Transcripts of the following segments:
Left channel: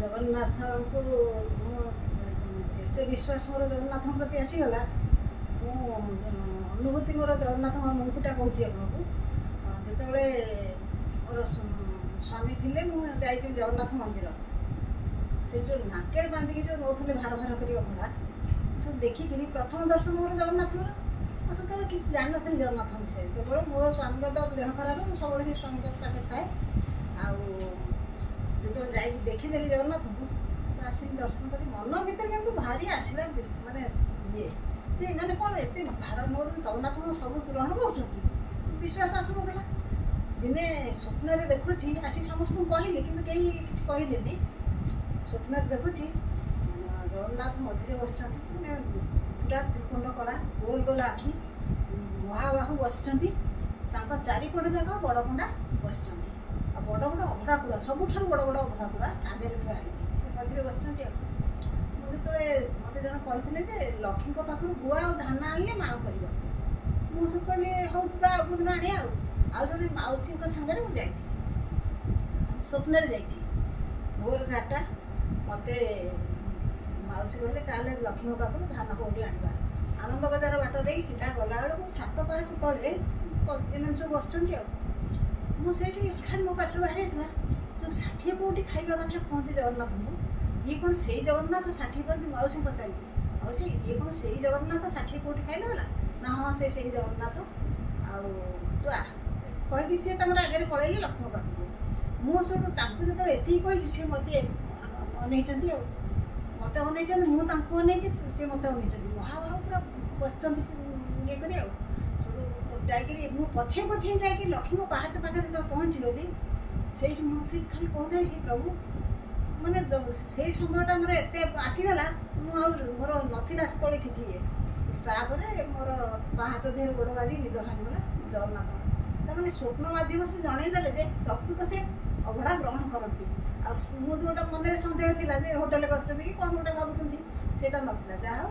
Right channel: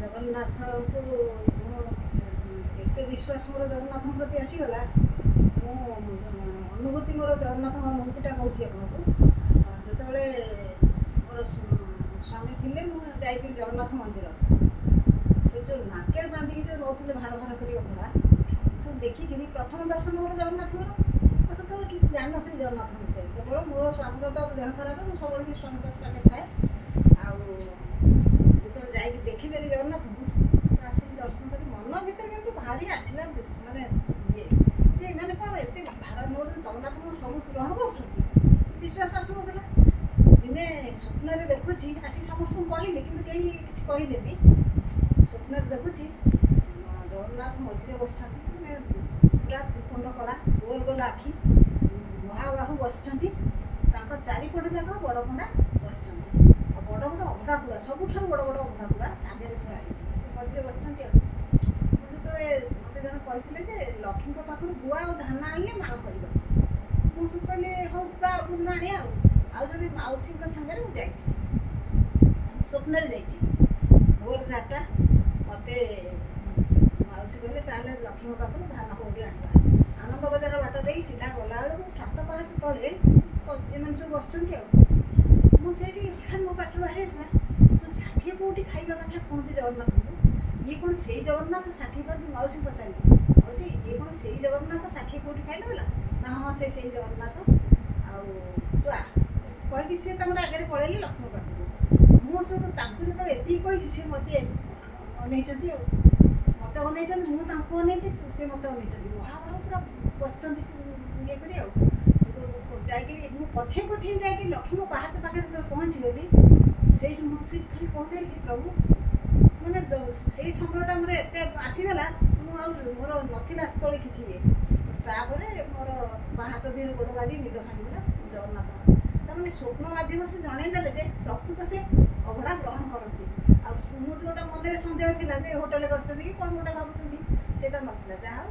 जगन्नाथ को एत विश्वास मोर जगन्नाथ प्रति आसीगला अनुभूति मोर जगन्नाथ अनुभूतिटा कहूँ आपको जो मोर स्वामी थे मुझे जगन्नाथ मंदिर से जो नाकेर बांधिकी जो नौले भार भार कर अभड़ा सब देखिकी प्रथम दर्शन मोर जगन्नाथ से किसी जान नी जगन्नाथ विषय केवल मो स्वामी तो देह खराब मुझे सब स्वामी पाखे थाए जो देखीदेली जगन्नाथ को आसिक दर्शन कर मन भर कि भारी आसला माने ये जे मैंने कौन एत भार मो जगन्नाथ सब ग्रहण कर विश्वास आसूला दिने स्वप्न देखुची आसिक समस्त कहली कि कहीं किसी कहलेनी स्वप्न देखुची जगन्नाथ मझे बस पूरा त्रिकुंड कला गोल गोल आखि महाबाहु बस चारिपट जाक बड़ पंडा बस बड़ बड़ अभड़ा कूड़ा सबुठ बड़ बड़ अभड़ा कूड़ा आगे थुआई से मझे बस जो मत जन कहते लक्ष्मी पाखर गुआ और धान आने माण करवा मुझे कहली हाँ दिन आने आने मौसी सागर मुझे स्वप्न भोर 4टा मत मौसी कहले चल लक्ष्मी पाखर धान कौटी आना आनंद बजार बाट दे सीधा गला बेलू 7 पाँच तले एम सब बस मुझे हठात मो पाटर बाहरी आसला जो 60 पौटी खाଇବା कथा कहते जगन्नाथ को ये कौन से जगन्नाथ 60 पौटी मौसी पचारि मौसी ये कौन से जगन्नाथ 60 पौटी खाइले बोला ना हाँ से जगन्नाथ तू आ कहीकि सी आगे पलैले लक्ष्मी पाखक मुझे जो एति कही सी मत अन मत अन मुझे सी मत अन महाबाहु पूरा बस ये कर पछे पछे जा लक्ष्मी पहाच पाखे पहुँची गली से मुझे खाली कहता हे प्रभु मैंने से समयटा मोर एत आसीगला मोर नाला से किसी ये तापर मोर पहाच देह गोड़ बाजी निद भांगला जगन्नाथ मैंने स्वप्न मध्यम से जनईदे जे प्रकृत से अभड़ा ग्रहण करती मुझे गोटे मन सन्देह था होटेल कर कौन गोटे भावुँच से नाला जहाँ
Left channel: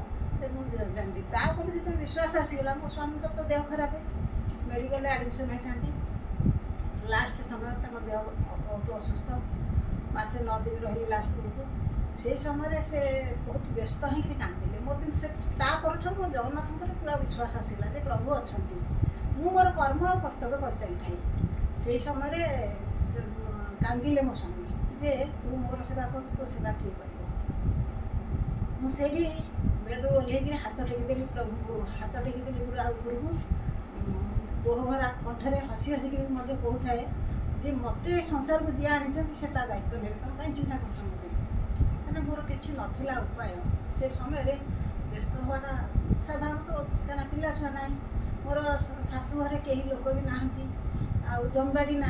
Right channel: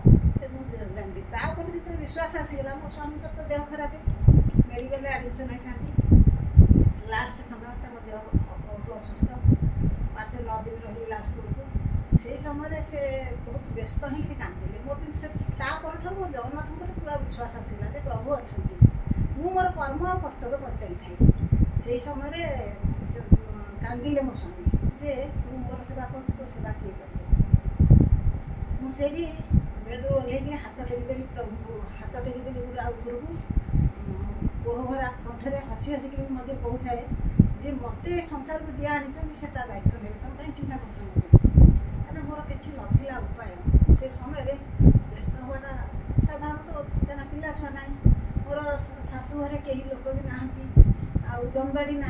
मुझे जानली तापर जो विश्वास आसीगला मो स्वामी तो देह खराब मेडिकल एडमिशन होता लास्ट समय देह बहुत असुस्थ मसे 9 दिन रही लास्ट बेलू से समय से बहुत व्यस्त होकर कांदिले मोर कि तापर मो जगन्नाथ पूरा विश्वास आसला जे प्रभु अच्छा मोर कर्म और कर्तव्य कर चली से समय कांदिले मो स्वामी जे तू मोर सेवा कर तो सेवा किए कर मुझे बेड्रु ओह्ल हाथ टेकीदेली प्रभु को हाथ टेकीदेली पूरा उपरको कोहभरा कंठे हसी हसिक कहूए जे मत संसार को जी आनी से दायित्व ने तुम कहीं चिंता कर मोर किसी नाला उपाय से समय व्यस्त हवाटा साधारणतः क्या पिला छुआ ना मोर शाशु घरे कई लोक भी नहांती जमीबाड़ी ना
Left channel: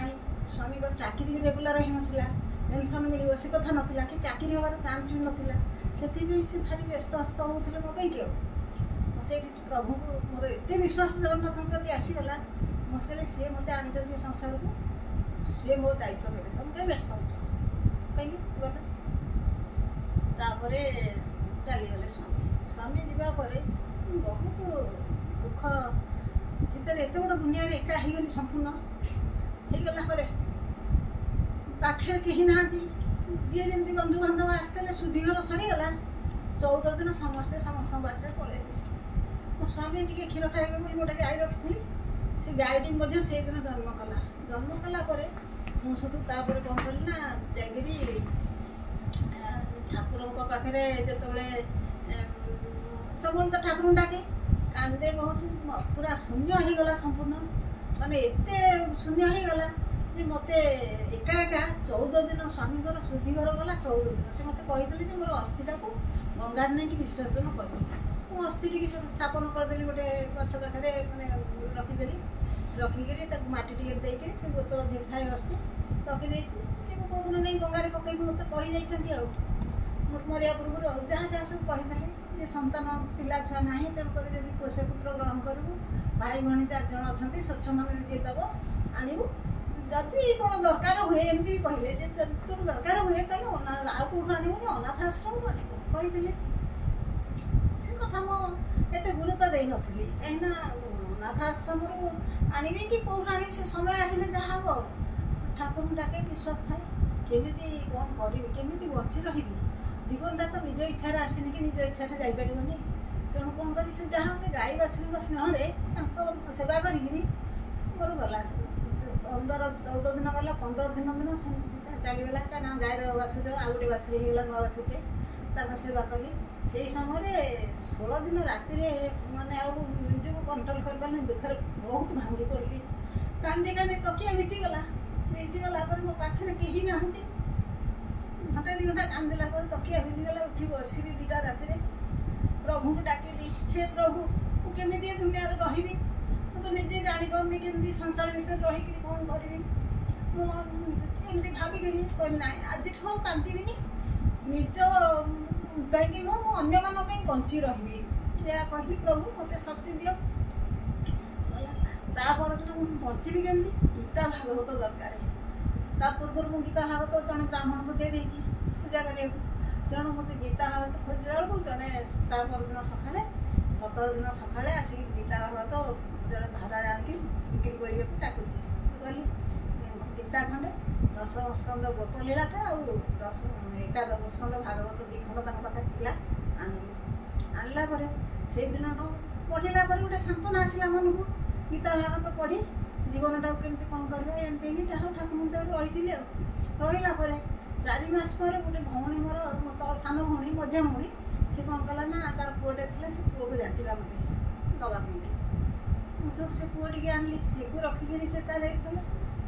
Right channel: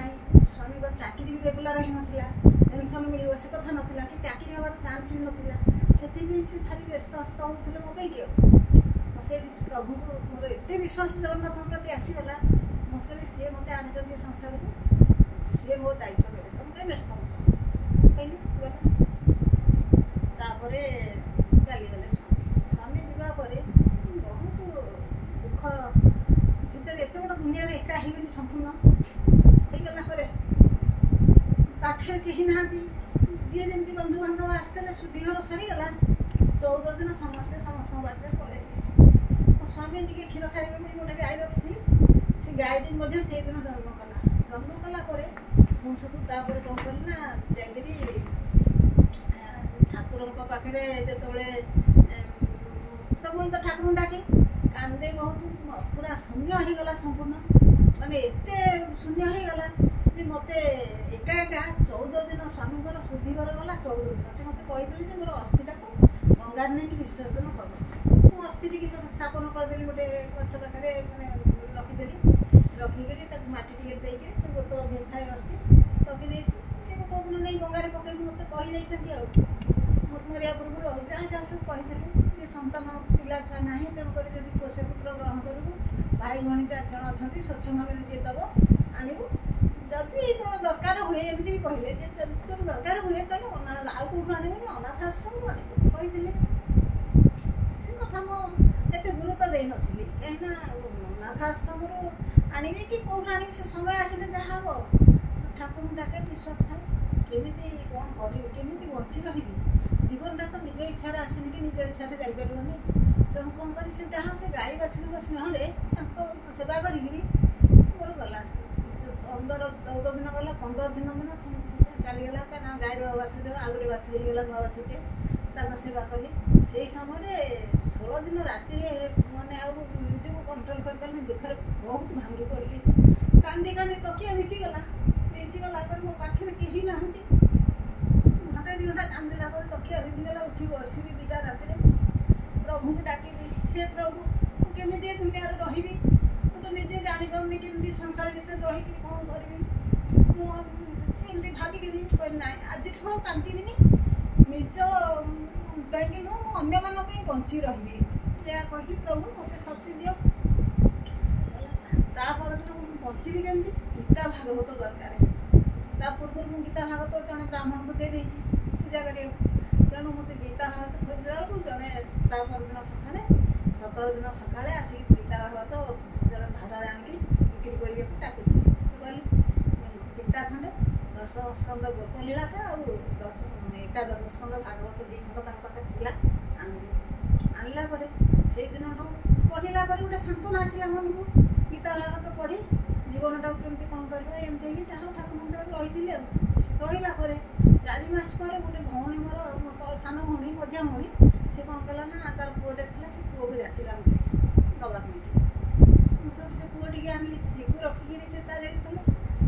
स्वामी चाकरी भी रेगुलर ही नाला पेनसन मिल से कथा नाला कि चाकरी हमार चान्स भी नाला से भारी व्यस्त हस्त होते मो कि से प्रभु को मोर एत विश्वास जगन्नाथ प्रति आसीगला मुझे कहली सी मत आनी संसार को सी मो दायित्व ने तुम कहीं व्यस्त हो कहली गला चलीगले स्वामी स्वामी जावापर बहुत दुख भितर एत बड़ दुनिया एका हो गली संपूर्ण होगला पाखे कहीं ना जी जमी बंधु बांधव आसते सुधीघर सरीगला 14 दिन समस्ते समस्त बाटे पलैले मो स्वामी टी क्षीर खाइबे बोली गोटे गाई रखी से गाईटी से दिन जन्म कला मुझे कौन कली ना जाकि ठाकुर पाखे जो सब तो ठाकुर डाके कांदे बहुत पूरा शून्य हो गला संपूर्ण माने एत शून्य हो गला जे मत एका एका 14 दिन स्वामी शुद्धिघर गला 14 दिन से मत कही मोर अस्थिटा को गंगार नहीं कि विसर्जन कर अस्थि टी स्थापन करदेली गोटे गच पाखे मैंने रखीदेली रखिकी मटी टे देकर से बोतल धीरे थाए अस्थि रखीदे कौ दिन नहीं गंगार पकई मत कही मरिया पूर्व जहाँ जहाँ सब कही संतान पिला छुआ ना तेणुक जब पोषे पुत्र ग्रहण करूँ भाई भाई 4 जन अच्छा स्वच्छ मन जी दब आणबू जदि तोर दरकार हुए एमती भी कहले तोर दरकार हुए आउ कौटू आणबूनी अनाथ आश्रम आणबू कही से कथा मुझे गुरुत्व दे नी कहीं अनाथ आश्रम आने कि कौट आने से समय आसिले जहाँ हम ଠାକୁରଙ୍କୁ ଡାକେ, ବିଶ୍ୱାସ ଥାଏ କେମିତି କ'ଣ କରିବି, କେମିତି ବଞ୍ଚି ରହିବି। ଜୀବନଟା ତ ନିଜ ଇଚ୍ଛାରେ ଆସିନି କି ନିଜ ଇଚ୍ଛାରେ ଯାଇପାରିବନି। ତେଣୁ କ'ଣ କରିବି, ସେ ଯାହା ସେ ଗାଈ ବାଛୁରୀଙ୍କ ସ୍ନେହରେ ତାଙ୍କ ସେବା କରିକିରି ମୋର ଗଲା 14 ଦିନ ଗଲା। 15 ଦିନ ସେମିତି ଚାଲିଗଲା। କାରଣ ଗାଈର ବାଛୁରୀ ଆଉ ଗୋଟେ ବାଛୁରୀ ହେଇଗଲା, ନୂଆ ବାଛୁରୀଟେ, ତାଙ୍କ ସେବା କଲି। ସେଇ ସମୟରେ 16 ଦିନ ରାତିରେ ମାନେ ଆଉ ନିଜକୁ କଣ୍ଟ୍ରୋଲ କରିପାରିଲିନି। ଦୁଃଖରେ ବହୁତ ଭାଙ୍ଗି ପଡ଼ିଲି। କାନ୍ଦି କାନ୍ଦି ତକିଆ ଭିଜିଗଲା ପରେ ମୋ ପାଖରେ କେହି ନାହାନ୍ତି। ଘଣ୍ଟା 2 ଘଣ୍ଟା କାନ୍ଦିଲା ପରେ ତକିଆ ଭିଜିଗଲା। ଉଠି ବସିଲି 2ଟା ରାତିରେ, ପ୍ରଭୁଙ୍କୁ ଡାକିଲି, ହେ ପ୍ରଭୁ, ମୁଁ କେମିତି ଏ ଦୁନିଆରେ ରହିବି? ମୁଁ ତ ନିଜେ ଜାଣିପାରୁନି କେମିତି ସଂସାର ଭିତରେ ରହିକିରି କ'ଣ କରିବି। ମୁଁ ଏମିତି ଭାବିକିରି କହିଲି ନାଇଁ, ଆଜିଠୁ ଆଉ କାନ୍ଦିବିନି। ନିଜ ପାଇଁକି ନୁହଁ, ମୁଁ ଅନ୍ୟମାନଙ୍କ ପାଇଁ ବଞ୍ଚି ରହିବି। ଏହା କହିଲି, ପ୍ରଭୁ ମୋତେ ଶକ୍ତି ଦିଅ। ତା ପରଦିନ ମୁଁ ବଞ୍ଚିବି କେମିତି? ଗୀତା ଭାଗବତ ଦରକାର। ତା ପୂର୍ବରୁ ମୁଁ ଗୀତା ଭାଗବତ ଜଣେ ବ୍ରାହ୍ମଣଙ୍କୁ ଦେଇଦେଇଛି ପୂଜା କରିବାକୁ। ତେଣୁ ମୁଁ ସେ ଗୀତା ଭାଗବତ ଖୋଜିଲା ବେଳକୁ ଜଣେ ତା ପରଦିନ ସକାଳେ 17 ଦିନ ସକାଳେ ଆସିକି ଗୀତା ଭାଗବତ ଜଣେ ଭାଡ଼ାରେ ଆଣିକି ବିକ୍ରି କରିବାକୁ ଡାକୁଛି। କହିଲି ଗୀତା ଖଣ୍ଡେ, 10 ସ୍କନ୍ଦ ଗୋପଲୀଳାଟା ଆଉ 11 ସ୍କନ୍ଦ ଭାଗବତ 2 ଖଣ୍ଡ ତାଙ୍କ ପାଖରେ ଥିଲା, ଆଣିଲା ପରେ ସେଇଦିନଠୁ ପଢ଼ିଲା ପରେ ଗୋଟେ ସାନ୍ତ୍ୱନା ଆସିଲା ମନକୁ। ଗୀତା ଭାଗବତ ପଢ଼ି ଜୀବନଟାକୁ କେମିତି କ'ଣ କରିବା ଏମିତି ହେଇକି ଯାହା ଠାକୁରଙ୍କ ଦେହରେ ରହିଥିଲି। ଆଉ ରହିଲା ପରେ 4 ମାସ ପରେ ଗୋଟେ ଭଉଣୀ, ମୋର ସାନ ଭଉଣୀ, ମଝିଆ ଭଉଣୀ, ସେ କ'ଣ କଲା ନା ତାର ପୁଅଟେ ଥିଲା, ସେ ପୁଅକୁ ଯାଚିଲା ମୋତେ ଦେବା ପାଇଁ। ମୁଁ ସେଠୁ ସେ ପୁଅ ଟିକେ ଆଣିଲି, ସେକୁ ରଖିକିରି ସେ ତାର ହେଇଥିଲା।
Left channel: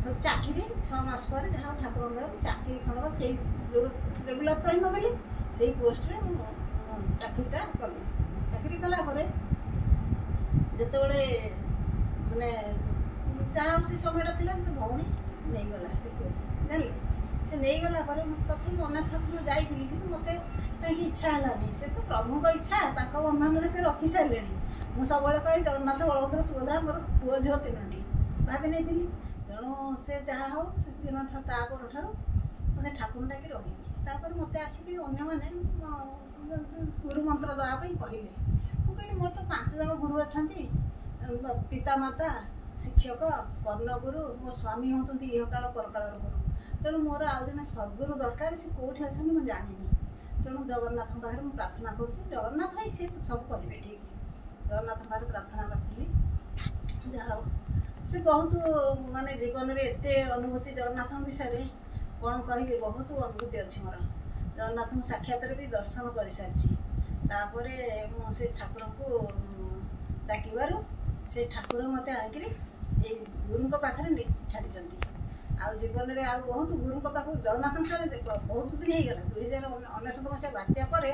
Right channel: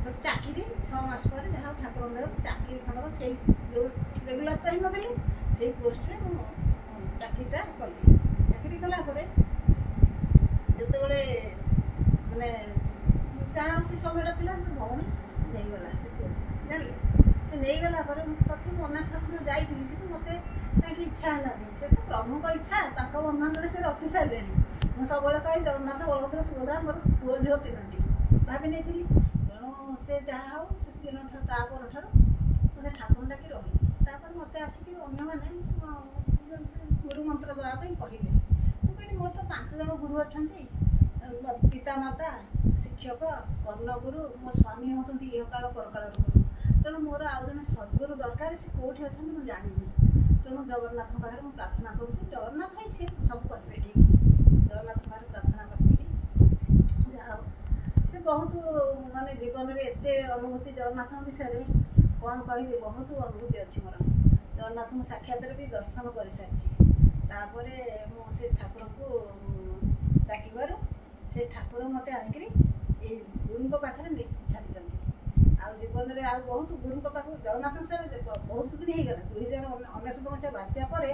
ସେଠୁ ଚାକିରି 6 ମାସ ପରେ ଯାହା ଠାକୁରଙ୍କ ଦେହରେ ଚାକିରି ଖଣ୍ଡକ ସେଇ ଯେଉଁ ରେଗୁଲାର ତ ହେଇନଥିଲି, ସେଇ ପୋଷ୍ଟରେ ମୁଁ ଚାକିରିଟା କଲି। ଚାକିରି କଲା ପରେ ଯେତେବେଳେ ମାନେ ଯାହା ହଉ ସେ ସମୟଟା ଥିଲା, ଗୋଟେ ଭଉଣୀ ନେଇଗଲା ସେ ପୁଅ, ଜାଣିଲେ। ସେ ନେଇଗଲା ପରେ ମୁଁ ତଥାପି ଅନାଥ ଆଶ୍ରମ ଯାଇଥିଲି, କିନ୍ତୁ ମୋତେ କାହିଁକି ଇଚ୍ଛା ହେଲାନି। ସେ ତ ପ୍ରଭୁଙ୍କ ଇଚ୍ଛା, ତାଙ୍କ ବନ୍ଧନରେ ସେ ରଖି ସାରିଲେଣି। ମୁଁ ସବୁବେଳେ କହି ଜଗନ୍ନାଥ, ବଳଭଦ୍ର, ସୁଭଦ୍ରା, ମୋର ପୁଅ ଝିଅ 3ଟି ଭାବି ନେଇଥିଲି। ତେଣୁ ସେ ଯାହା ହଉ ସେ ଦିନଠାରୁ ତା ପରଠାରୁ ମୋତେ ଠାକୁର ଡାକି ରହିଲି। ତାପରେ ମୋତେ ଆସିକି ଅନ୍ୟମାନେ ଗୁରୁ ମନ୍ତ୍ର ଦେବା ପାଇଁ କହିଲେ। ମୁଁ କହିଲି ମୋର ତ 5 ଜଣ ଗୁରୁ ଅଛନ୍ତି, ପିତାମାତା, ଶିକ୍ଷକ, କର୍ଣ୍ଣଗୁରୁ, ମୋ ସ୍ୱାମୀ ହେଉଛନ୍ତି ଇହକାଳ ପରକାଳର ଗୁରୁ। ତେଣୁ ମୋର ଆଉ ଜଣେ ସଦ୍ଗୁରୁ ଦରକାର। ସେ କେଉଁଠି ଅଛନ୍ତି ମୁଁ ଜାଣିନି। ତେଣୁ ଜଗନ୍ନାଥଙ୍କ ପାଖରେ ମୁଁ ପ୍ରାର୍ଥନା କରୁଛି, ଜଗନ୍ନାଥ ହିଁ ସେ ସବୁ କରିବେ ଠିକ୍। ଜଗନ୍ନାଥଙ୍କ ପାଖରେ ପ୍ରାର୍ଥନା କରିଥିଲି। ଯାହା ହଉ ସେ ବହୁତ ମାନେ ଜୀବନରେ ଏତେ ଅନୁଭୂତି ଜଗନ୍ନାଥଙ୍କ ବିଷୟରେ କ'ଣ କହିବି, ବହୁତ ଅନୁଭୂତି ଅଛି ମୋର। ଜଗନ୍ନାଥଙ୍କୁ ସାକ୍ଷାତରେ ବି ଦର୍ଶନ କରିସାରିଛି। ତାପରେ ମୁଁ ସେ ଠାକୁରଙ୍କୁ ଡାକିବାରୁ ସେ ଠାକୁର ମୋତେ ଆଣିକିରି ଏଇ ଗୁରୁଙ୍କ ପାଖରେ ଛାଡ଼ିଛନ୍ତି। ଆଉ ଜୀବନରେ ଆଉ ବହୁତ ଗୁରୁଙ୍କ ପାଖକୁ ଜଗନ୍ନାଥଙ୍କ ସାଙ୍ଗରେ ବହୁତ ଦିନ ହେଇଗଲା। 2019 ମସିହା ବାତ୍ୟା ପରେ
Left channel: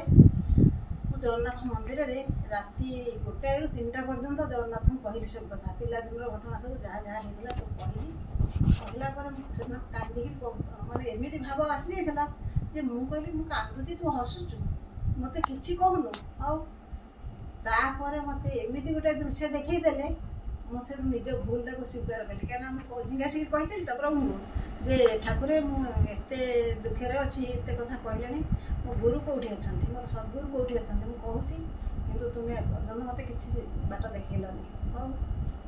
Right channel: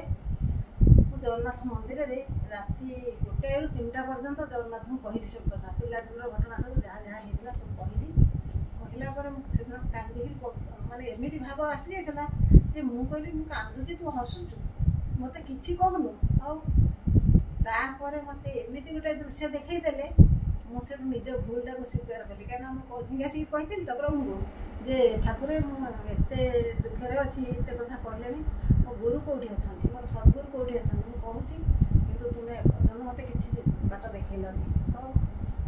ମୁଁ ଜଗନ୍ନାଥ ମନ୍ଦିରରେ ରାତି 1ଟାରୁ 3ଟା ପର୍ଯ୍ୟନ୍ତ ଜଗନ୍ନାଥଙ୍କୁ କହିଲି ସବୁ କଥା, ପିଲାଦିନର ଘଟଣା ସବୁ ଯାହା ଯାହା ହେଇଥିଲା ସବୁ କହିଲି। କହିଲା ପରେ ମୁଁ ସେଦିନ କାନ୍ଦିକି ମାନେ ଏମିତି ଭାବ ଆସିଯାଇଥିଲା ଯେ ମୁଁ କହିଲି, ମୁଁ କାନ୍ଦୁଛି, ତୁ ହସୁଛୁ, ମୋତେ କିଛି କହୁନୁ। ଆଉ ତାପରେ ମୋତେ ଏମିତି ଗୋଟେ ଦୃଶ୍ୟ ଦେଖେଇଦେଲେ, ମୁଁ ସେଠୁ ନିଜ ଭୁଲଟାକୁ ସ୍ୱୀକାର କଲି। କାହିଁକିନା ମୁଁ ଆସିକି କହିଥିଲି ତ ପ୍ରଭୁଙ୍କୁ ଯେ ଠାକୁର, ମୁଁ ଏତେ ଦୁଃଖରେ ଅଛି, ଏତେ କଥା କହିଲେଣି, ମୋ ଗୁରୁ କେଉଁଠି ଅଛନ୍ତି, ମୋର ସଦ୍ଗୁରୁ କେଉଁଠି ଅଛନ୍ତି, ମୁଁ କହୁଛି, କିନ୍ତୁ ତୁମେ ଏପର୍ଯ୍ୟନ୍ତ ମୋତେ କିଛି ବାଟ ଦେଖେଇଲନି। ହଉ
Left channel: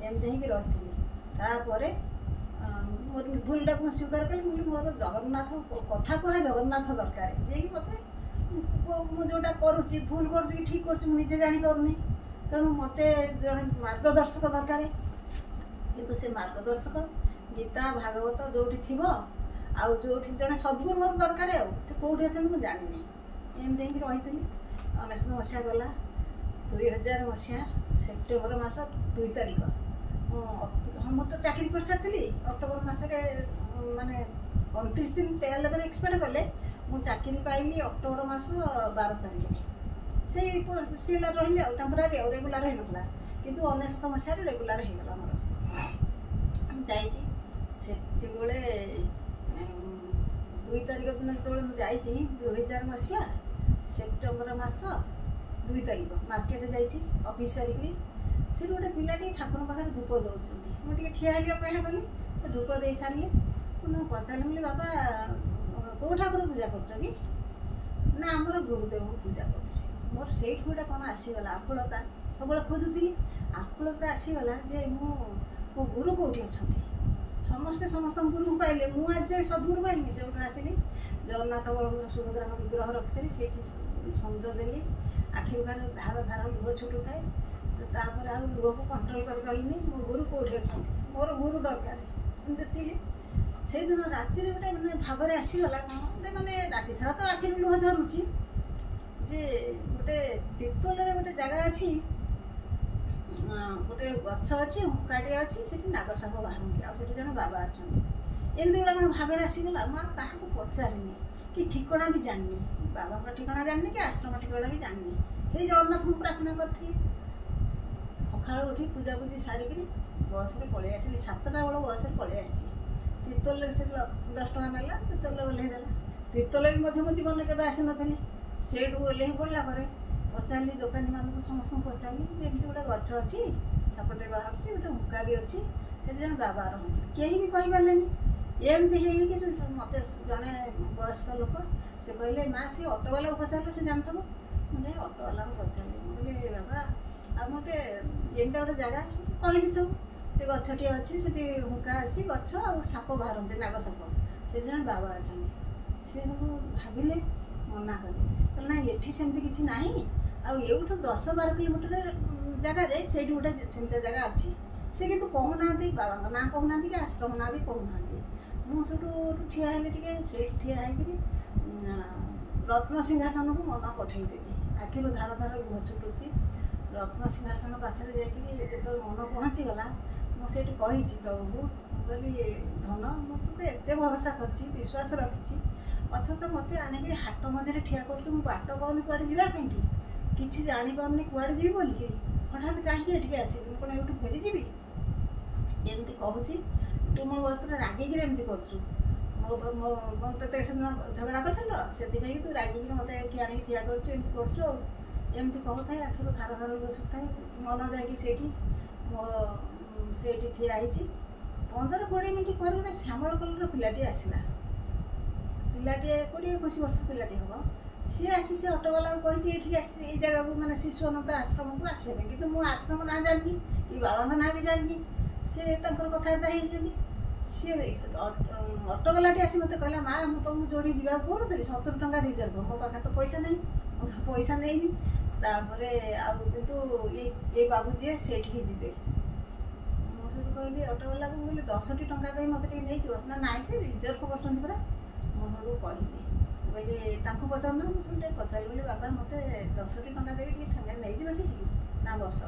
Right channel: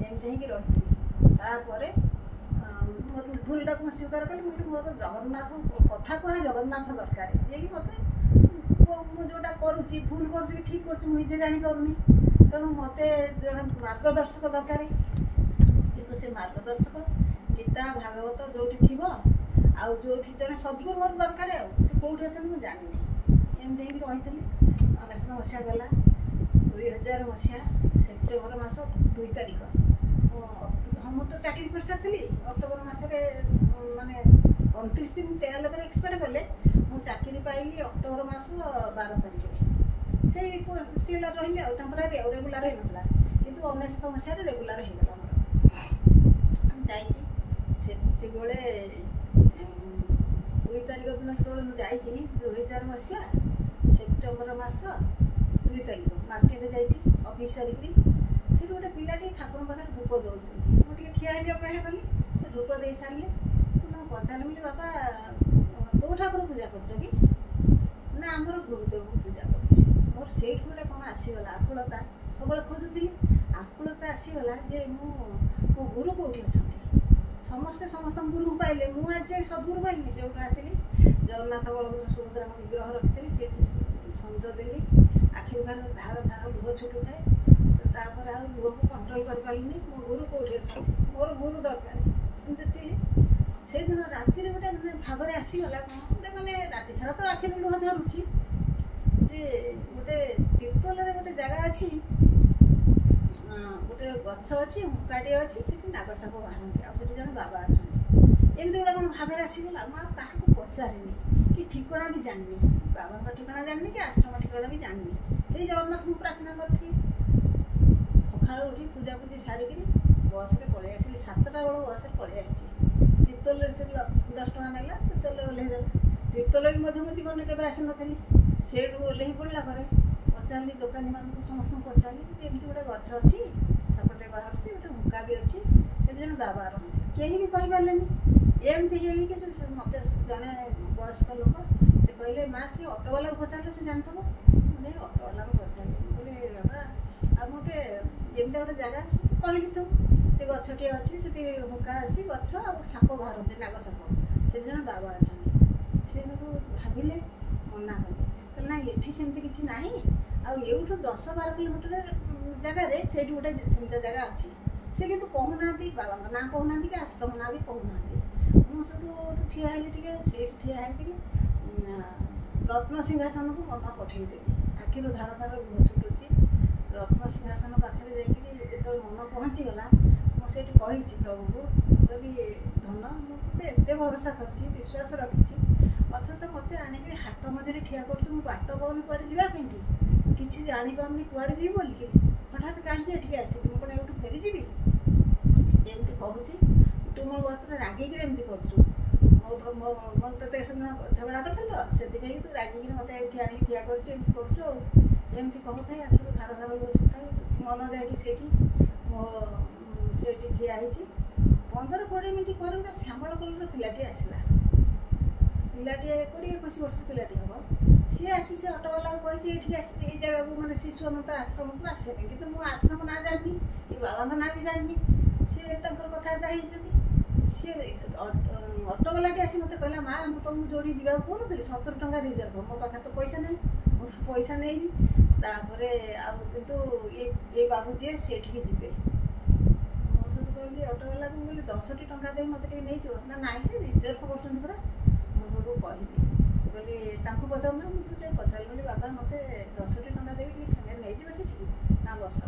ଏମିତି ହେଇକି ରହିଥିଲି। ତାପରେ ମୋର ଭୁଲଟାକୁ ମୁଁ ସ୍ୱୀକାର କଲି। ମୁଁ କହିଲି ମୋର ଜଗନ୍ନାଥ କଥା କୁହା, ଜଗନ୍ନାଥ ଦରକାର, ଯିଏକି ମୋତେ ମୁଁ ଯେଉଁଟା କରୁଛି ଭୁଲ କରୁଛି କି ଠିକ୍ କରୁଛି ମୁଁ ନିଜେ ଜାଣିପାରୁନି। ତେଣୁ ମୋତେ ଜଣେ ମାର୍ଗଦର୍ଶକ ଦରକାର। କିନ୍ତୁ ସେ ମାର୍ଗଦର୍ଶକ ଗୀତା ଭାଗବତ ଯେଉଁଠି ଥିବ, ଆଉ ଯେଉଁଠି ଜଣେ ସଦ୍ଗୁରୁ ମୋର ଦରକାର। ଆଉ ସେ କେଉଁଠି ଅଛନ୍ତି ମୁଁ ଜାଣିନି। ଏମିତି ହେଇକି ରହିଥିଲି। 19 ମସିହା ଗଲା। 2000 ମସିହା ସେପ୍ଟେମ୍ବର ମାସ 2 ତାରିଖ ମୁଁ ତ ଚାକିରି କରିସାରିଥିଲି। ଅକ୍ଟୋବର ମାସରେ ମାନେ 29 ଦିନ 13 ଏକ୍ସପେକ୍ଟ କଲେ, ମୁଁ ଚାକିରି ପାଇଲି ଅକ୍ଟୋବର ମାସ 12 ତାରିଖରେ। ସେଇ ସିଲା ରହିଲି ଆଉ ଟେମ୍ପୋରାରୀ, ଆଉ ରେଗୁଲାର ହେଇନଥିଲା। କିନ୍ତୁ 19 ମସିହାରେ ରେଗୁଲାର ହେଇଗଲା ମୋର। ଯାଇଛି ସେତେବେଳେ 2 ତାରିଖ ଦିନ ଯେତେବେଳେ ମୁଁ ଯାଇଛି 2000 ମସିହା ସେପ୍ଟେମ୍ବର ମାସ 2 ତାରିଖ ମାର୍କେଟରେ ଯାଇଛି ଅଫିସ୍ ସାରିକିରି। ସେଠି ଗୋଟେ ପିଲାଟି ଠାକୁରଙ୍କ ପାଖରେ ଧୂପ ଦେଉଛନ୍ତି। ମୁଁ ଟିକେ ଠିଆ ହେଇକି ଅପେକ୍ଷା କଲି। ସେ ଧୂପ ଦେଇ ସାରିଲେ। ମୁଁ ପଚାରିଲି, ବୋଲି ବାପା କେଉଁ ଠାକୁର ପୂଜା କରୁଛ କି? ନା ଆମର ଗୁରୁଦେବଙ୍କୁ ପୂଜା କରୁଛି। ମୋର ସେଇଠୁ ଗୋଟେ କ'ଣ ଆସିଗଲା ଆକୁଳତା। ସବୁବେଳେ ଖୋଜୁଥିଲି, ଆକୁଳତା ଆସିଗଲା ଯେ ମୋ ଗୁରୁ କେଉଁଠି ଅଛନ୍ତି। ସମସ୍ତେ ସମସ୍ତଙ୍କ ଗୁରୁଙ୍କୁ ପାଇଲେ, ମୁଁ ଆଜି ଯାଏ ସଦ୍ଗୁରୁ ପାଇନି। ସେଉଠୁ ଆସିଲି, ଜଗନ୍ନାଥ ବଳଭଦ୍ର ସୁଭଦ୍ରାଙ୍କ ବିଗ୍ରହ ରଖିଥିଲି, ସେଇଠି ସଞ୍ଜ ଦେଲି, ଆଖିରୁ ଧାର ଧାର ଲୁହ ଛୁଟୁଥାଏ। ତାପରେ ଆଉ ଲୁହକୁ କଣ୍ଟ୍ରୋଲ କରିପାରିଲିନି। ମୋ ଗୁରୁ କେଉଁଠି ଅଛନ୍ତି, ମୋର ଗୁରୁ ଦରକାର, ଏମିତି ଥିଲି। ସେଇଦିନ ରାତିରେ ଗୋଟେ ମାନେ ଭାବରେ ଆସିଗଲା, କ'ଣ ଗୋଟେ ମାନେ ରାତି ସାରା ତ ଆଖିରୁ ଲୁହ ଝରୁଛି, ଯେ ଗୋଟେ ତିର୍ତ୍ତୋଲରେ ଗୋଟେ ଜାଗା ଅଛି, ଗୋଟେ ଗଛ ଅଛି, ହୁଙ୍କାଟିଏ ଅଛି, ସେଠି ନାଗସାପ ବାହାରନ୍ତି, ଆଉ ସେଠି ଜଣେ ବାବା ଅଛନ୍ତି। ଏମିତି ଗୋଟେ କ'ଣ ଭାବରେ ଆସିଗଲା। ମୁଁ ଆଉ କାହାକୁ ପଚାରିନି କି ଠିକଣା ବି ଜାଣିନି, ବାବାଙ୍କ ଠିକଣା ଜାଣିନି କି ଆଶ୍ରମ ଠିକଣା ବି ଜାଣିନି। ସେଇ ଜଗନ୍ନାଥଙ୍କୁ ପ୍ରାର୍ଥନା କରିଥିଲି। ସକାଳୁ ଉଠି ପୂଜାପୂଜି ସାରିକିରି ବସ୍ରେ ପଳେଇ ଆସିଲି। 7ଟା ବେଳ ବସ୍ରେ ପଳେଇ ଆସିଛି। ତିର୍ତ୍ତୋଲରେ ସେ 10 ଟଙ୍କା ନେଲା, ତିର୍ତ୍ତୋଲରେ ଓହ୍ଲେଇ ଦେଲା। ତିର୍ତ୍ତୋଲ ବି ମଧ୍ୟ ମୁଁ ଜୀବନରେ କେବେ ଆସିନଥିଲି। ସେଇଠୁ ଓହ୍ଲେଇ ପଡ଼ିଲା ପରେ ପଚାରିଲି ଦୋକାନୀମାନଙ୍କୁ, ସମସ୍ତଙ୍କୁ ପଚାରିଲି ଯେ ଏମିତି ଗୋଟେ ଗଛ ଅଛି, ସାପଟେ ବାହାରୁଛି, ଗୋଟେ ହୁଙ୍କା ବି ଅଛି, ସେଠି ଜଣେ ବାବା ରହନ୍ତି। କେହି ବି କହିପାରିଲେନି। ଏମିତି ହେଇକି ମୋତେ ଜଣେ ବୟସ୍କ ଲୋକ ସେ କହିଲେ, ମା ସେ ଅଟୋବାଲାକୁ ପଚାରିଲେ ସେ ଜାଣିଥିବ। ମୁଁ ଯାଇ ଅଟୋବାଲାକୁ ପଚାରିଲି, ମୁଁ କହିଲି ବାବା ଆଉ ଗୋଟେ ଏମିତିଆ ଗୋଟେ ଜାଗା କହିଲି ସବୁ, ସେ ଗଛଟିଏ ଅଛି, ସେଠି ହୁଙ୍କା ଅଛି, ଗଛ ଆଉ ସାପ ବାହାରନ୍ତି, ନାଗସାପ, ସେଠି ଜଣେ ବାବା ଅଛନ୍ତି। ସେ ସବୁ ଭାବିଲେ, ମନା କଲେ, କହିଲେ ନାଇଁ ଏଠି ସେମିତି କିଛି ନାହିଁ, ଆଉ ଏଇଠୁ 10-12 କିଲୋମିଟର ଜାଗାରେ ସେଇଠି ଗୋଟେ ସେମିତିଆ ଜାଗା ଅଛି। ସେ କିନ୍ତୁ କହୁନାହାନ୍ତି, ବାବାଙ୍କ ନାଁ କହୁନାହାନ୍ତି କି ଆଶ୍ରମ ନାଁ ବି କହୁନାହାନ୍ତି। ମୁଁ ସେଠୁ ଠିଆ ହେଲି, ଟିକେ ସେଇଠି ଠିଆ ହେଇକିରି ରତ୍ନ ସିଂହାସନକୁ ମନ ପଠେଇଦେଲି। ଆଖିରୁ ଧାର ଧାର ଲୁହ ଛୁଟୁଛି। ରତ୍ନ ସିଂହାସନ ପାଖରେ ଯାଇକିରି ଯେତେବେଳେ ମନ ପହଞ୍ଚିଗଲା, ମୁଁ ସେଇଠି କହିଛି ପ୍ରଭୁଙ୍କୁ, ମୁଁ କହିଲି ଧନ, ମୁଁ ତୋତେ ଏତେ ଭରସା କରିଛି, ବିଶ୍ୱାସ ରଖିଛି, ଅଥଚ ମୋତେ ଆଣିକିରି ହାଟ ମଝିରେ ଠିଆ କରୁଛୁ। ମୁଁ ବାଟ ପାଉନି କୁଆଡ଼େ ଯିବା ପାଇଁକି, କିଛି ଜାଣିପାରୁନି କୁଆଡ଼େ ଯିବି ବୋଲିକି, ହଠାତ୍ କାହିଁକି ଏଠିକି ଆସିବି, ମୁଁ କ'ଣ ଏଇଠୁ ଫେରିଯିବି? ଏମିତି କହୁଛି, ତୁ ମୋ ଉପରେ ରାଗିକିରି ଏମିତି କରୁଛୁ। ମୋ ତୋତେ ସେଦିନ ଝଗଡ଼ା କରିଥିଲି ତ, ସେଥିପାଇଁ ତୁ ରାଗିକିରି ମୋତେ ଏଠି ଆଣିକି ଠିଆ କରୁଛୁ, ଏମିତି କରୁଛୁ। ଆଉ ଏମିତି କହୁଥାଏ, ଆଖିରୁ ଧାର ଧାର ଲୁହ ଛୁଟୁଥାଏ। ମନ ଯାଇକି ସେଇଠି ଠିଆ ହେଇଛି। 15-20 ମିନିଟ୍ ପରେ ଗୋଟେ ଶ୍ୟାମଳ କଲର୍ର ପିଲାଟିଏ ଆସିଲା। ପିଲାଟିଏ 20-21 ବର୍ଷ ପିଲାଟି ହେବ। ସିଏ ଆସି ସେ ଅଟୋବାଲାକୁ କହିଛି ଏଇଠିକି ଆସି, ଏଇ ଜାଗାକୁ, ମାନେ ଶିଶୁ ଅନନ୍ତ ଆଶ୍ରମକୁ ଆସିବା ପାଇଁ। କିନ୍ତୁ ମୁଁ ଆଶ୍ରମ ନାଁ ଜାଣିନି କି ବାବାଙ୍କ ନାଁ ବି ଜାଣିନି। ସିଏ ତାଙ୍କର କଥାବାର୍ତ୍ତା ହେଇଛନ୍ତି। ସିଏ ଅଟୋବାଲାଟି ଆସି ମୋତେ କହିଲା, ମା ମୁଁ ତୁମକୁ ଯୋଉଠି ଯିବାକୁ କହୁନଥିଲି, 70 ଟଙ୍କା ରିଜର୍ଭ, ମୋ ପାଖରେ ତ ପଇସା ନାହିଁ, ମୁଁ ତ ପଇସା ନେଇନି। ତାପରେ ଆଉ କିନ୍ତୁ ଏ ବାବୁ ଯିଏ ସେଇଠିକି ଯିବେ। ମୁଁ ସେଠୁ କହିଲି ଅଟୋବାଲାକୁ, ମୁଁ କହିଲି 10ଟି ଟଙ୍କା ଦେଇ ମୋତେ ଟିକେ ନେଇଯିବ ନା? ନାଇଁ ସେ ରିଜର୍ଭ କରୁଛନ୍ତି ପରା। ମୁଁ ସେଠୁ କହିଲି, ମୁଁ କହିଲି ତାଙ୍କୁ ପଚାରୁନା। ମୁଁ ସେଠୁ ପଚାରିଲି, ବୋଲି ବାବା ମୋତେ 10ଟି ଟଙ୍କା ଦେବି, ଟିକେ ସାଙ୍ଗରେ ନେଇଯିବ ସେଠିକି ନା? ବସ।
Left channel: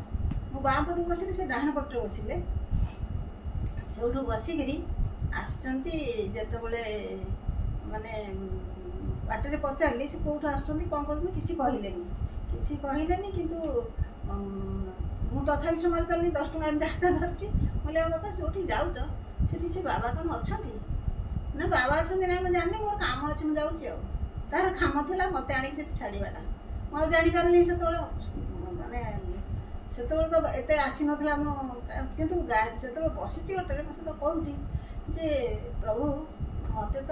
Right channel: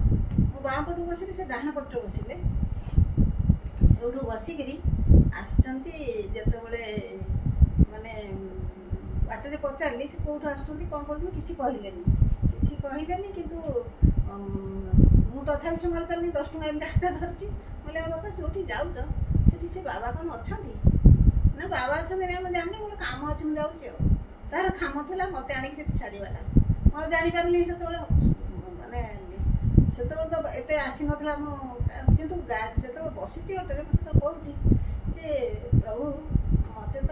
ମୁଁ ବାଁ ପଟକୁ ବସିଲି, ସେ ଡାହାଣ ପଟରେ ବସିଲେ। ସେଉଠୁ ବସିକିରି ଆସିଛନ୍ତି। ଯେତେବେଳେ ମାନେ ବାଟରେ ପଚାରିଲି ସେ କେଉଁଠୁ ଆସୁଛନ୍ତି, କ'ଣ କରୁଛନ୍ତି, କିଛି କହିଲେନି। କିନ୍ତୁ ମୁଁ ତଥାପି ସମ୍ଭାଳି ପାରିନି। 10 ଟଙ୍କା ଏମିତି ହାତ ଧରିଛି। କହିଲେ ଆଉ ବାବା ଯେଉଁଠି ଯାଉଛ ସେଠି ସେ ବାବା କ'ଣ ଅଛନ୍ତି? ନା ବାବା ଅଛନ୍ତି ନା ମୁଁ ଜାଣିନି, ମୋର କାମ ଅଛି, ମୁଁ ଯାଉଛି। ଆଉ ତାର କାମ ଥିଲା ମୋତେ ଆଣିକି ସେଠି ଛାଡ଼ିବାଟା। ମୁଁ ଆଉ ଜାଣିପାରିଲି ସେତେବେଳେ, ମାନେ ସେତେବେଳେ ତ ଏତେ ଆସିନଥିଲା। ମୁଁ କିନ୍ତୁ ଯେତେବେଳେ ବସିଛି ଅଟୋରେ, ମୁଁ ସେତେବେଳେ କହୁଛି ଯେ ପ୍ରଭୁ ମୋତେ ତ,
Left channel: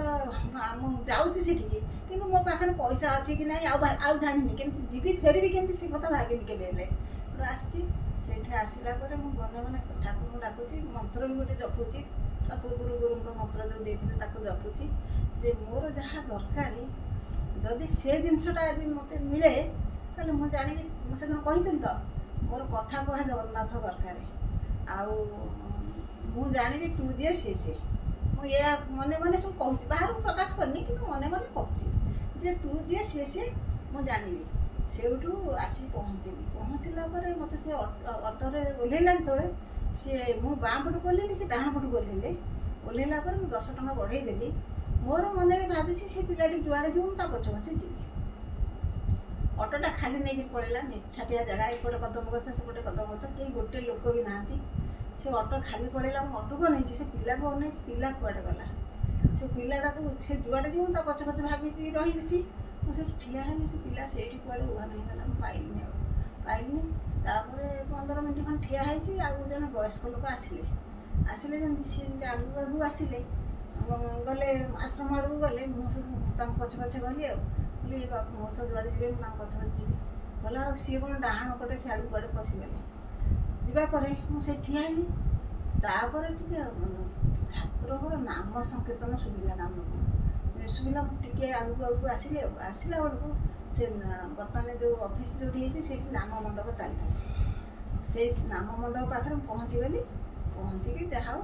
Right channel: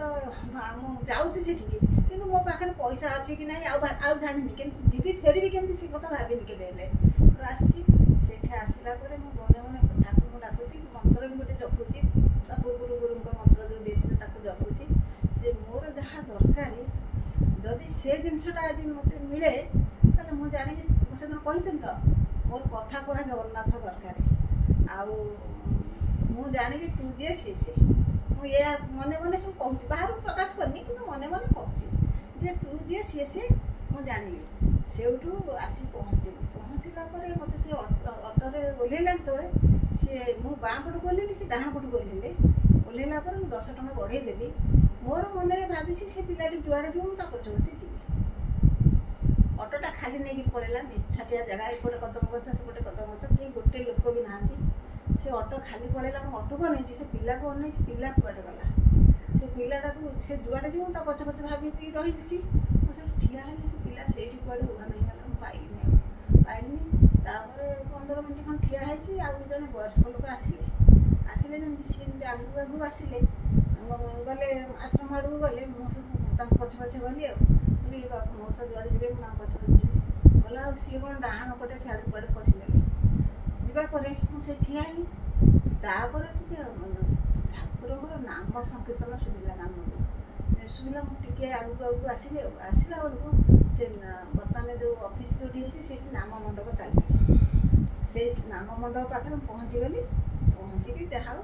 ମୁଁ ଯାଉଛି ସେଠିକି, କିନ୍ତୁ ମୋ ପାଖରେ ପଇସା ଅଛି କି ନାହିଁ ଆଉ ଜାଣିନି, କେମିତି ଯିବି, ଫେରିବି କେମିତି, ସେ କଥା ଭାବିନି କେବେ ହେଲେ। ଆସିଛି। ସେଇଠି ଆସିଲା ପରେ ମୁଁ ମନେ ମନେ ଠାକୁରଙ୍କୁ ଡାକୁଛି, ମନ୍ତ୍ର ବି ଗୋଟେ ଜପୁଛି। ତା ପୂର୍ବରୁ ଗୁରୁଙ୍କ ମନ୍ତ୍ର ଯେଉଁ ଦେଇଥିଲେ ତାକୁ ଜପୁଛି, ଯେ ମୋର ଯାହା ଦରକାର, ଯଦି ସେ ଜିନିଷଟା ଆଜି ମୋତେ ମିଳେ, ତାହେଲେ ମୁଁ ଜାଣିବି। ମୁଁ ସେଦିନ କହିଥିଲି ତ, ମୋର କଥା କୁହା ଜଗନ୍ନାଥ ଦରକାର, ଆଉ ମୁଁ ଜାଣିବି ତୁ ଯିଏ ସିଏ। ମୁଁ ଏହା ମନେ ମନେ ସବୁ କହୁଛି, ବାହାରକୁ ପ୍ରକାଶ କରିନି, କିନ୍ତୁ ମନେ ମନେ କହୁଛି ଯେ ତୁ ଯିଏ ସିଏ ମୁଁ ଜାଣିବି। ସେଇଠୁ ଆସି ପହଞ୍ଚିଲା ପରେ ମୋତେ ସେ ଅଟୋରେ ଓହ୍ଲେଇଲା। ଯେତେବେଳେ ମୁଁ ବାଁ ପଟକୁ ଓହ୍ଲେଇଲି, ସେ ଡାହାଣ ପଟକୁ ଓହ୍ଲେଇଲା ପରେ ମୁଁ 10 ଟଙ୍କା ବଢ଼େଇ ଦେଲି। ମୋର ମନରେ ଭାବିଛି ସେ ପିଲାଟି ଯୁଆଡ଼େ ଯିବ ମୁଁ ତା ପଛେ ଯିବି। ଅଟୋଟା ଖାଲି ନେଇକି ପଳେଇଲା, ନିଛାଟିଆ ଜାଗା, ଏପଟେ କଦମ ଗଛ, ସେପଟେ କଦମ ଗଛ, କେହି ଗୋଟେ ଲୋକ ବି ନାହାନ୍ତି। ସେ ଅଟୋ ଖାଲି ପଳେଇଲା। ମୁଁ ଅଟୋକୁ ଅନେଇଛି, ସେ ପିଲାକୁ ଅନେଇଛି, ପିଲା କୁଆଡ଼େ ଗଲା। ସେ ପିଲାଟାକୁ ସେ ଯୁଆଡ଼େ ଯିବ ତା ପଛେ ଭାବିଛି ରହିଛି। ମୁଁ ସେଠି ଠିଆ ହେଲି, ସେ ପିଲା ସେଇଠି କୁଆଡ଼େ ଉଭାନ ହେଇଗଲା। ମୁଁ ପାଇଲିନି। ତାପରେ 15 ମିନିଟ୍ ଖଣ୍ଡେ ଠିଆ ହେଇଛି। ଆଉ ଜଣେ ବୟସ୍କ ଲୋକ ଆସିଲେ ଯେମିତି ସିଏ ଯେମିତି ଆଗକୁ ଆସିଲେ, ଗଲେ ଆଶ୍ରମ ଆଡ଼କୁ ଗଲେ। ମୁଁ ସବୁ ତାଙ୍କ ପଛେ ଗଲି। ଆଉ କହିଲି ବାବୁ ମୋ ସହ ଯୁଆଡ଼େ ଯିବେ ମୁଁ ତାଙ୍କ ପଛେ ଯିବି। ଗଲା ଆଉ ସିଏ କ'ଣ ଡାହାଣ ପଟେ ସିଆଡ଼କୁ କୁଆଡ଼େ ପଶିଗଲେ। ଯିବା ପରେ ମୁଁ ସେଠି ଠିଆ ହେଲି। ତାପରେ ଟିକେ ଠାକୁରଙ୍କର ନାମ ସଂକୀର୍ତ୍ତନ ଶୁଣିଲା କାନକୁ ଶୁଣିଲା। ମୁଁ ଟିକେ ଆଗକୁ ଆସିଲି ଆଉ ଆସିଲା ବେଳକୁ ସେ ବର୍ତ୍ତମାନ ଯେଉଁ ଅଫିସ୍ ଯେଉଁଠି ହେଇଛି ସେଇଠି ନାମ ମଣ୍ଡପ ଚାଲିଥାଏ। ସେଇ ନାମ ମଣ୍ଡପ ପାଖରେ ମୁଁ ପହଞ୍ଚିଗଲି। ପହଞ୍ଚିକି ଯାହା ହଉ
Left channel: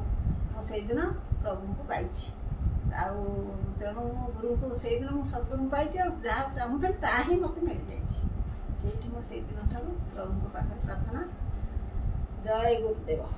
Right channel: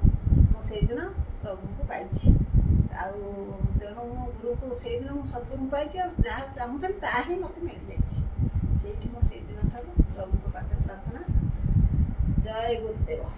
ମୁଁ ସେଇଦିନ ପ୍ରଭୁଙ୍କୁ ପାଇଛି। ଆଉ ତେଣୁ ମୁଁ ଗୁରୁଙ୍କୁ ସେଇଦିନ ମୁଁ ସଦ୍ଗୁରୁଙ୍କୁ ପାଇଛି। ଆଉ ଯାହା ଚାହୁଁଥିଲି ତାହା ହିଁ ମୋତେ ମିଳିଯାଇଛି। ସେଇଠି ମୁଁ ସେଇଦିନ ଠାରୁ ପ୍ରଭୁଙ୍କ ପାଖରେ ପ୍ରାର୍ଥନା। ଜୟ ଗୁରୁଦେବ।